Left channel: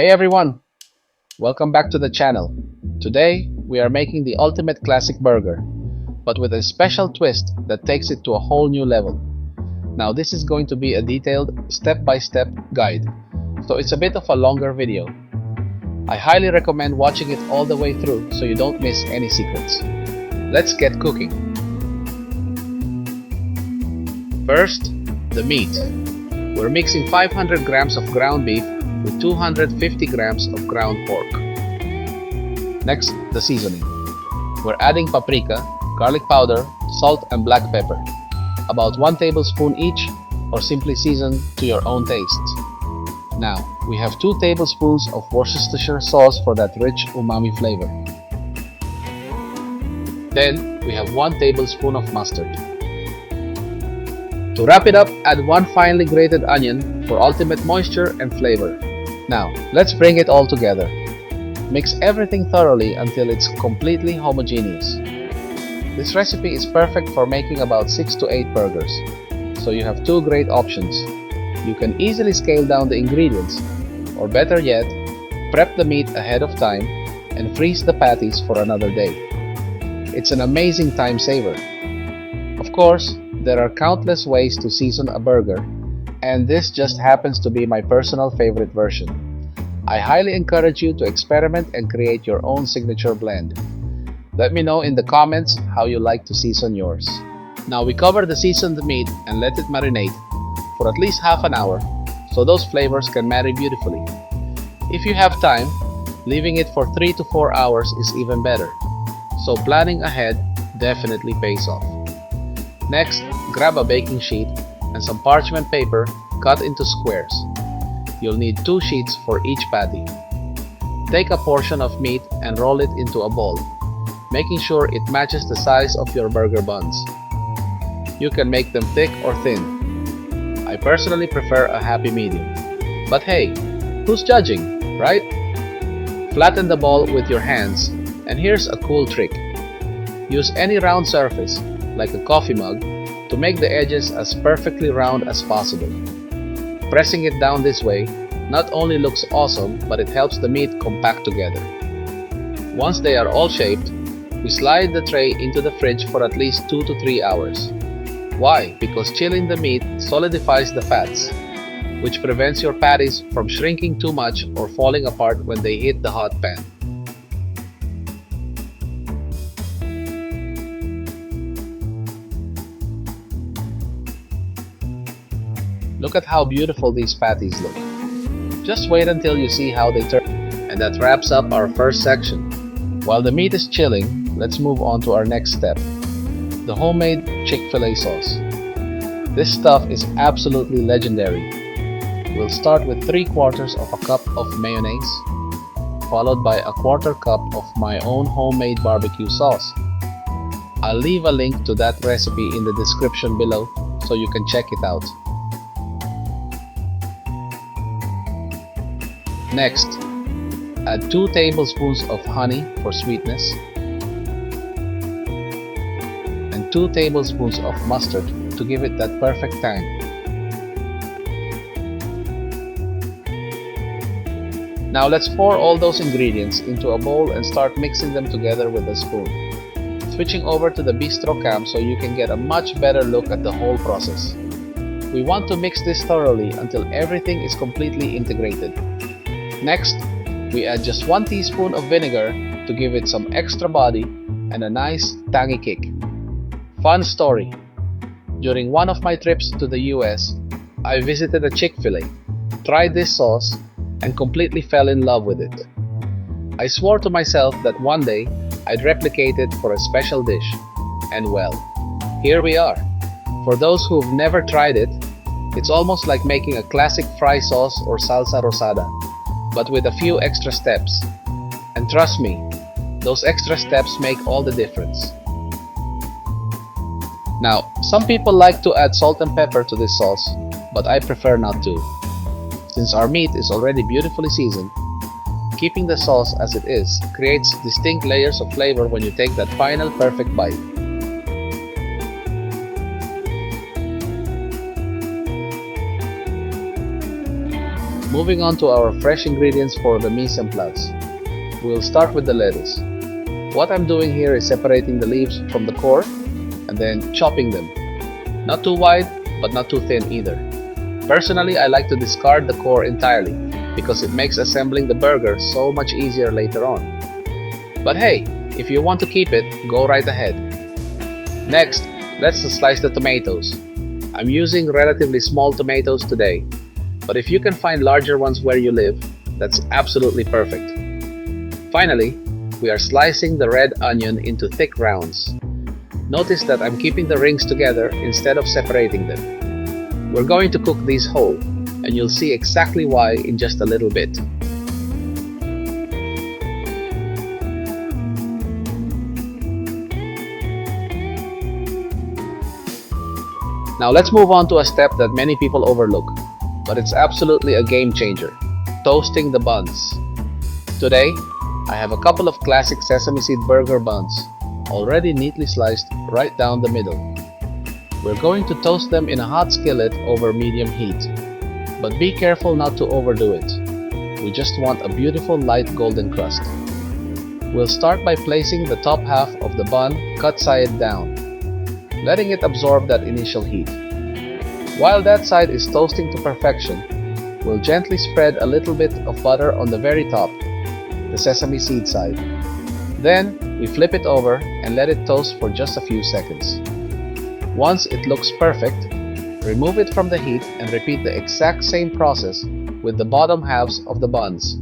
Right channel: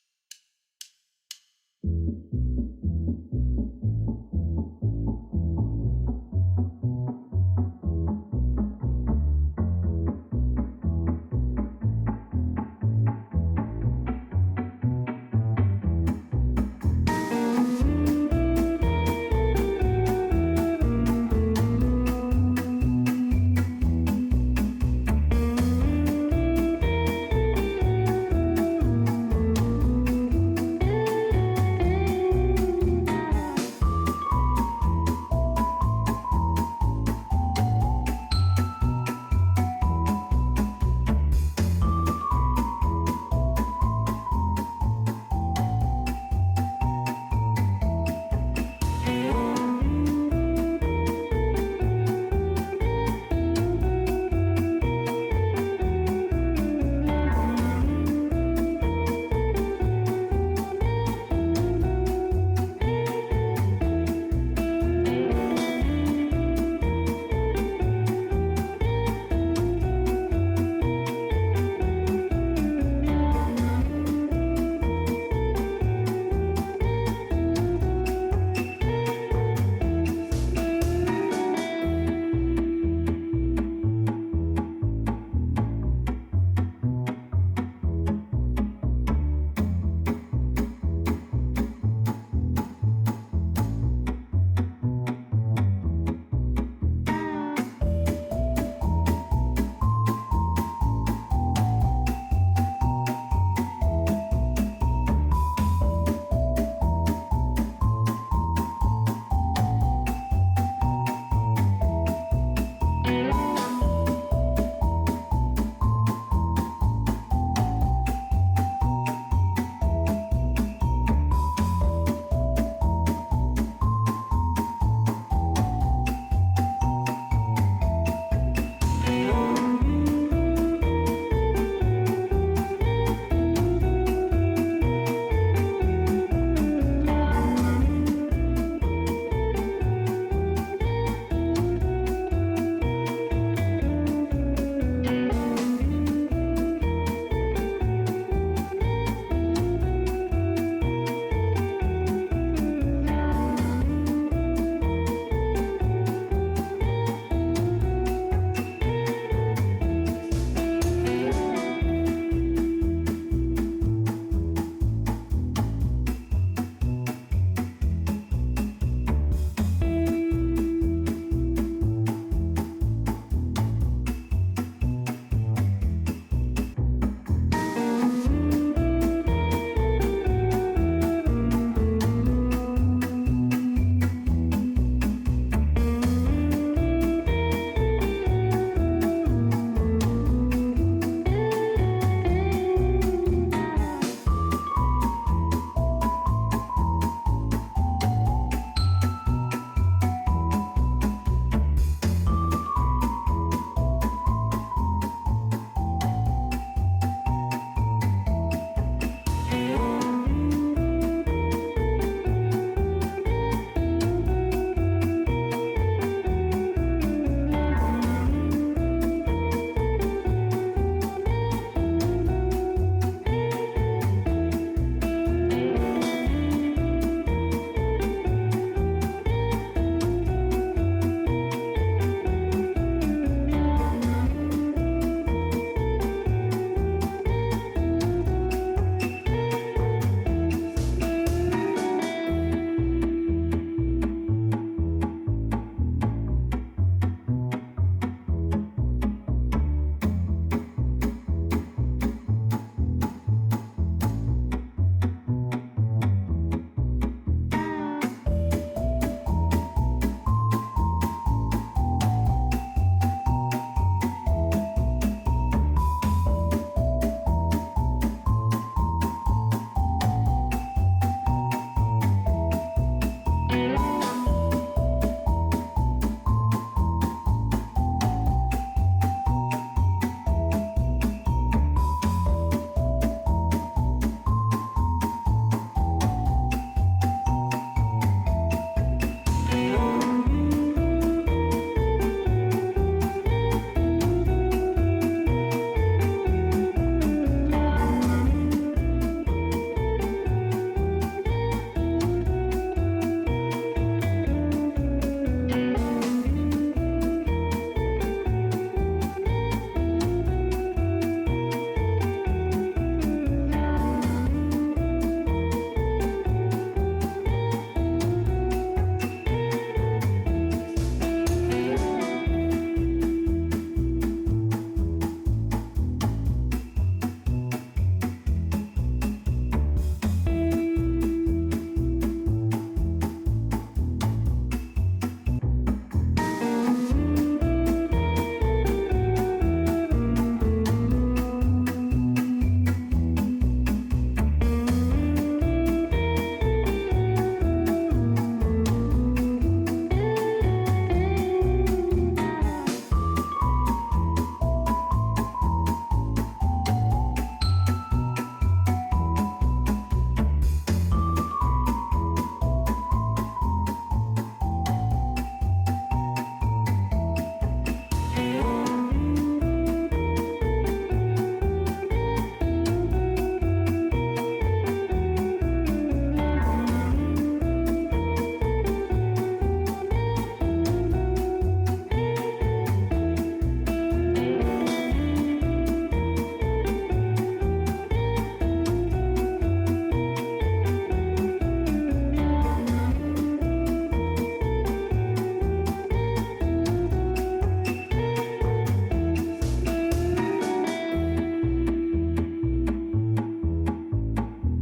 Hey everyone! Welcome back to the channel. Today, we are making the ultimate classic burger, but with a special twist that takes it to a whole new level. Now this is going to be a detailed, step-by-step guide, so it's a bit of a longer video. I highly recommend watching it all the way through so you don't miss any secrets. Let's get cooking. First, the meat. We're mixing 500 grams of ground beef with 250 grams of ground pork. Next, the seasoning. We're adding paprika, garlic powder, salt and black pepper. About 1 tablespoon each, or simply season to your own taste. Now, we have 2 tablespoons of Worcestershire sauce for that rich umami flavor. Then, we have 1 tablespoon of mustard. To wrap it up, add 1 finely grated onion for ultimate moisture and flavor. Now, let's bring it all together. Mix everything thoroughly until it's completely homogeneous. This recipe is perfect for making about 6 to 8 burgers, so you have 2 great options. You can easily scale down the ingredients, or better yet, prep the meat ahead of time and freeze the patties for another day. It's an amazing time saver. Of course, there are countless ways to season a burger, and this just happens to be my personal favorite version. I highly encourage you to experiment and create your own signature blend. Let me know in the comments how you like to season yours. Now we cover the seasoned meat and let it marinate for at least half an hour so those flavors can marry beautifully. If you have time, leaving it for 3 to 4 hours is even better, so planning ahead definitely pays off. Next, grab a baking sheet and some parchment paper cut into squares. You'll need 2 sheets for each patty. Take a portion of meat and roll it into a ball, making sure it matches the size of your burger buns. You can make them thick or thin. I personally prefer a happy medium. But hey, who's judging, right? Flatten the ball with your hands, and here's a cool trick. Use any round surface, like a coffee mug, to make the edges as perfectly round as possible. Pressing it down this way not only looks awesome, but it helps the meat compact together. Once they are all shaped, we slide the tray into the fridge for at least 2 to 3 hours. Why? Because chilling the meat solidifies the fats, which prevents your patties from shrinking too much or falling apart when they hit the hot pan. Look at how beautiful these patties look. Just wait until you see how they turn. And that wraps up our first section. While the meat is chilling, let's move on to our next step. The homemade Chick-fil-A sauce. This stuff is absolutely legendary. We'll start with 3/4 of a cup of mayonnaise, followed by a 1/4 cup of my own homemade barbecue sauce. I'll leave a link to that recipe in the description below so you can check it out. Next, add 2 tablespoons of honey for sweetness and 2 tablespoons of mustard to give it that perfect tang. Now let's pour all those ingredients into a bowl and start mixing them together with a spoon. Switching over to the Bistro cam so you can get a much better look at the whole process. We want to mix this thoroughly until everything is completely integrated. Next, we add just 1 teaspoon of vinegar to give it some extra body and a nice tangy kick. Fun story. During one of my trips to the US, I visited a Chick-fil-A, tried this sauce, and completely fell in love with it. I swore to myself that one day I'd replicate it for a special dish, and well, here we are. For those who've never tried it, it's almost like making a classic fry sauce or salsa rosada, but with a few extra steps. And trust me, those extra steps make all the difference. Now, some people like to add salt and pepper to this sauce, but I prefer not to. Since our meat is already beautifully seasoned, keeping the sauce as it is creates distinct layers of flavor when you take that final perfect bite. Moving on to our fresh ingredients for the mise en place. We'll start with the lettuce. What I'm doing here is separating the leaves from the core and then chopping them. Not too wide, but not too thin either. Personally, I like to discard the core entirely because it makes assembling the burger so much easier later on. But hey, if you want to keep it, go right ahead. Next, let's slice the tomatoes. I'm using relatively small tomatoes today, but if you can find larger ones where you live, that's absolutely perfect. Finally, we are slicing the red onion into thick rounds. Notice that I'm keeping the rings together instead of separating them. We're going to cook these whole, and you'll see exactly why in just a little bit. Now let's move on to a step that many people overlook, but it's absolutely a game changer: toasting the buns. Today, I have a couple of classic sesame seed burger buns, already neatly sliced right down the middle. We're going to toast them in a hot skillet over medium heat, but be careful not to overdo it. We just want a beautiful light golden crust. We'll start by placing the top half of the bun cut side down, letting it absorb that initial heat. While that side is toasting to perfection, we'll gently spread a little bit of butter on the very top, the sesame seed side. Then, we flip it over and let it toast for just a few seconds. Once it looks perfect, remove it from the heat and repeat the exact same process with the bottom halves of the buns.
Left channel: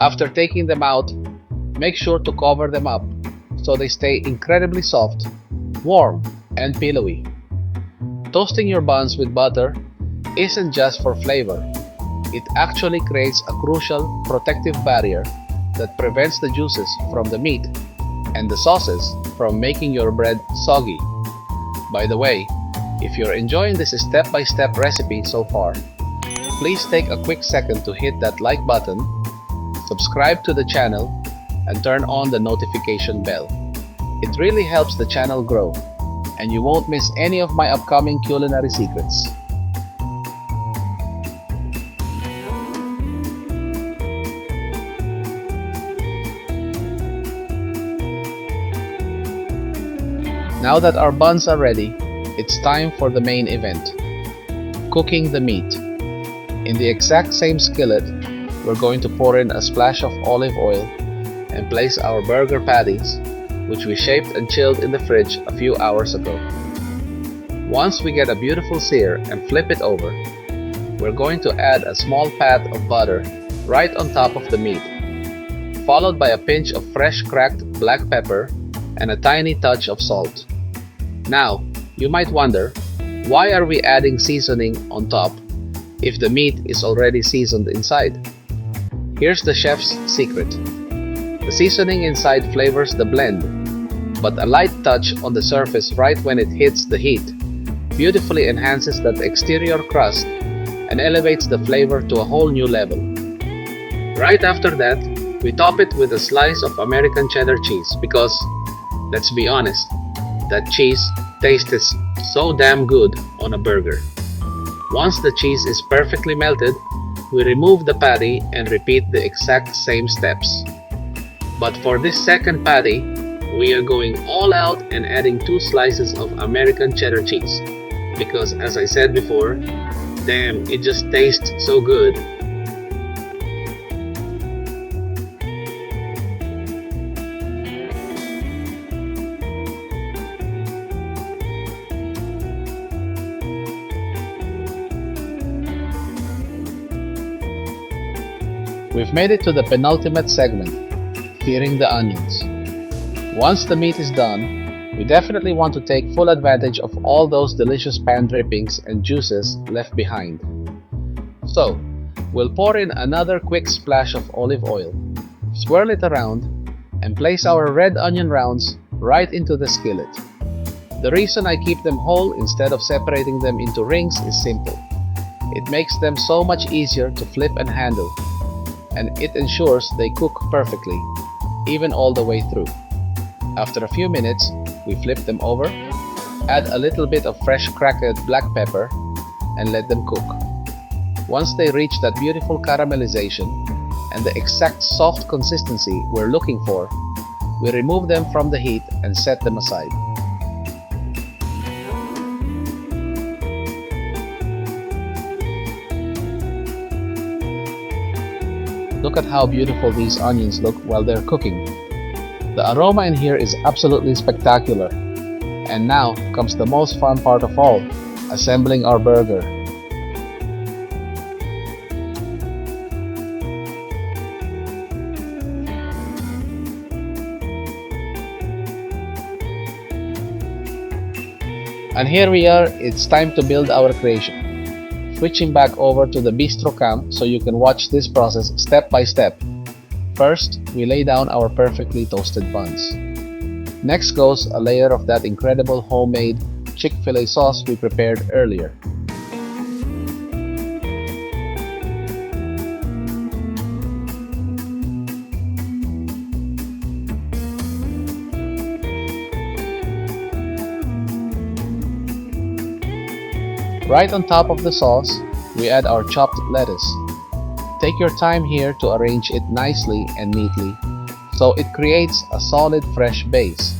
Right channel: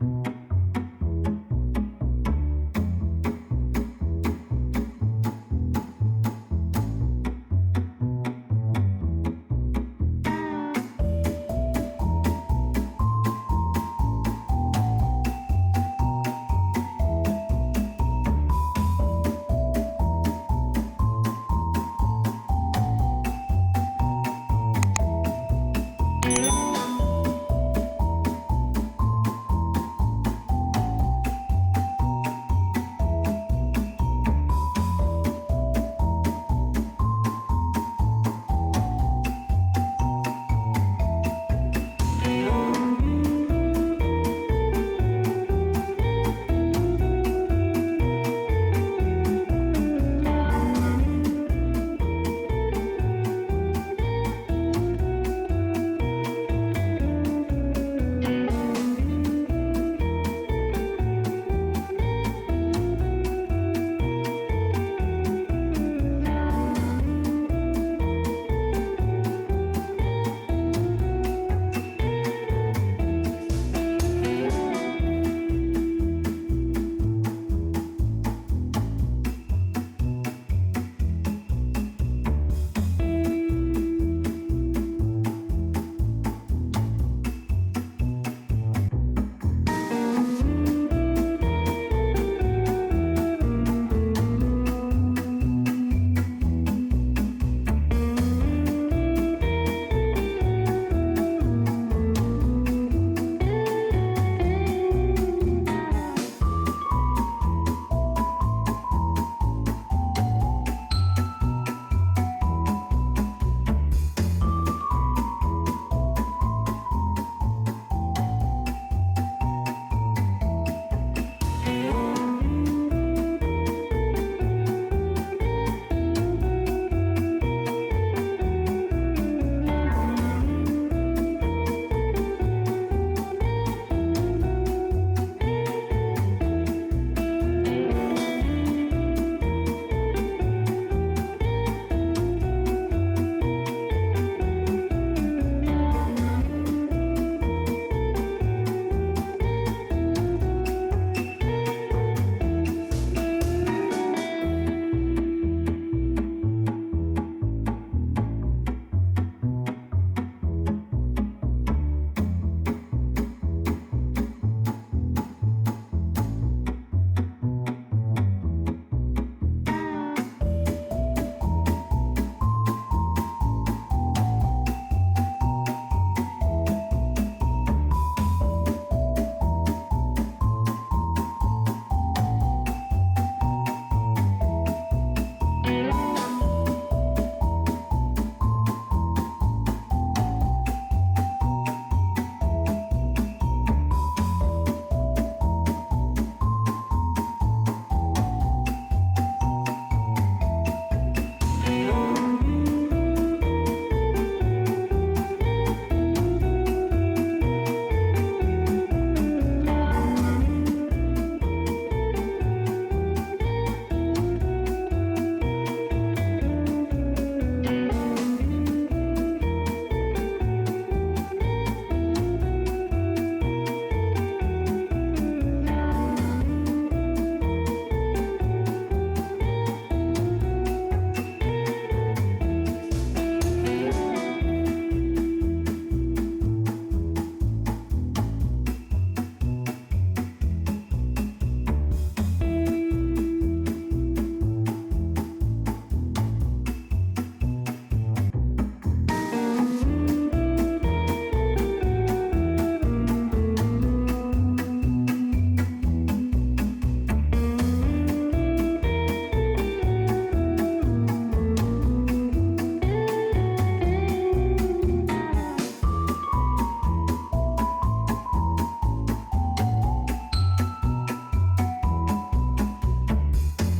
After taking them out, make sure to cover them up so they stay incredibly soft, warm, and pillowy. Toasting your buns with butter isn't just for flavor. It actually creates a crucial protective barrier that prevents the juices from the meat and the sauces from making your bread soggy. By the way, if you're enjoying this step-by-step recipe so far, please take a quick second to hit that like button, subscribe to the channel, and turn on the notification bell. It really helps the channel grow, and you won't miss any of my upcoming culinary secrets. Now that our buns are ready, it's time for the main event: cooking the meat. In the exact same skillet, we're going to pour in a splash of olive oil and place our burger patties, which we shaped and chilled in the fridge a few hours ago. Once we get a beautiful sear and flip it over, we're going to add a small pat of butter right on top of the meat, followed by a pinch of fresh cracked black pepper and a tiny touch of salt. Now, you might wonder, why are we adding seasoning on top if the meat is already seasoned inside? Here's the chef's secret. The seasoning inside flavors the blend, but a light touch on the surface right when it hits the heat beautifully enhances that exterior crust and elevates the flavor to a whole new level. Right after that, we top it with a slice of American cheddar cheese because, let's be honest, that cheese tastes so damn good on a burger. Once the cheese is perfectly melted, we remove the patty and repeat the exact same steps. But for this second patty, we are going all out and adding 2 slices of American cheddar cheese because, as I said before, damn, it just tastes so good. We've made it to the penultimate segment, searing the onions. Once the meat is done, we definitely want to take full advantage of all those delicious pan drippings and juices left behind. So, we'll pour in another quick splash of olive oil, swirl it around, and place our red onion rounds right into the skillet. The reason I keep them whole instead of separating them into rings is simple. It makes them so much easier to flip and handle, and it ensures they cook perfectly, even all the way through. After a few minutes, we flip them over, add a little bit of fresh cracked black pepper, and let them cook. Once they reach that beautiful caramelization and the exact soft consistency we're looking for, we remove them from the heat and set them aside. Look at how beautiful these onions look while they're cooking. The aroma in here is absolutely spectacular. And now comes the most fun part of all, assembling our burger. And here we are, it's time to build our creation. Switching back over to the Bistro cam so you can watch this process step by step. First, we lay down our perfectly toasted buns. Next goes a layer of that incredible homemade Chick-fil-A sauce we prepared earlier. Right on top of the sauce, we add our chopped lettuce. Take your time here to arrange it nicely and neatly, so it creates a solid fresh base.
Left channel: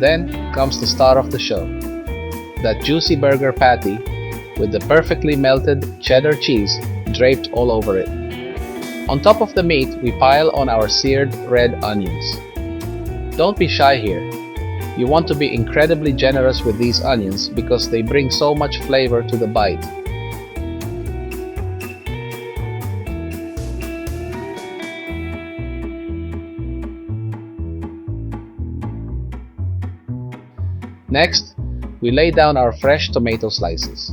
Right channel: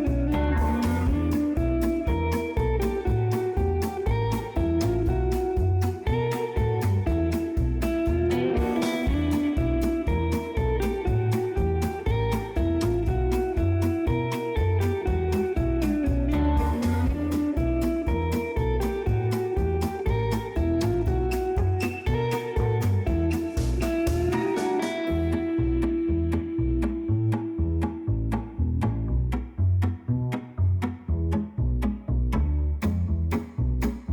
Then comes the star of the show, that juicy burger patty with the perfectly melted cheddar cheese draped all over it. On top of the meat, we pile on our seared red onions. Don't be shy here. You want to be incredibly generous with these onions because they bring so much flavor to the bite. Next, we lay down our fresh tomato slices.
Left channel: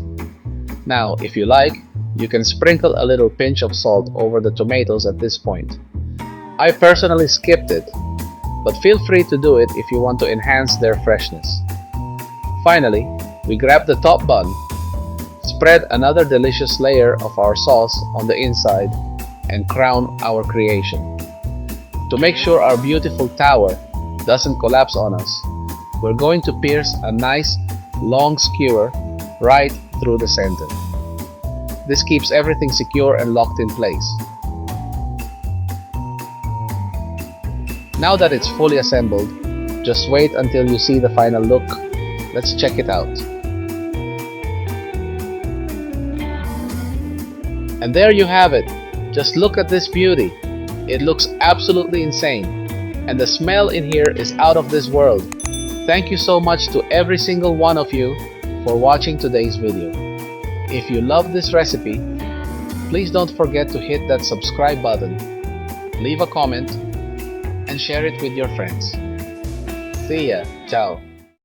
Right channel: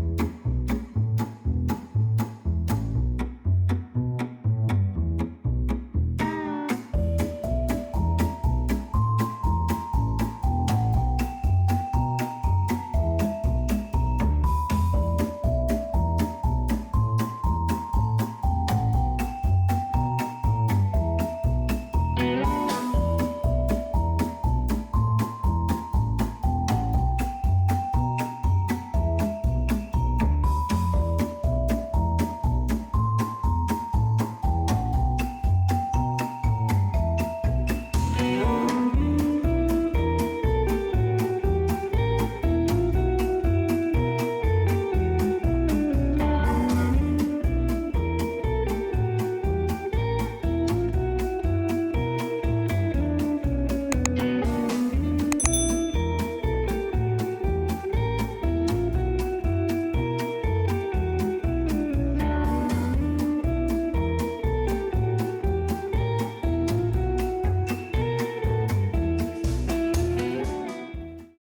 Now, if you like, you can sprinkle a little pinch of salt over the tomatoes at this point. I personally skipped it, but feel free to do it if you want to enhance their freshness. Finally, we grab the top bun, spread another delicious layer of our sauce on the inside, and crown our creation. To make sure our beautiful tower doesn't collapse on us, we're going to pierce a nice long skewer right through the center. This keeps everything secure and locked in place. Now that it's fully assembled, just wait until you see the final look. Let's check it out. And there you have it. Just look at this beauty. It looks absolutely insane. And the smell in here is out of this world. Thank you so much to every single one of you for watching today's video. If you love this recipe, please don't forget to hit that subscribe button, leave a comment, and share it with your friends. See ya. Ciao.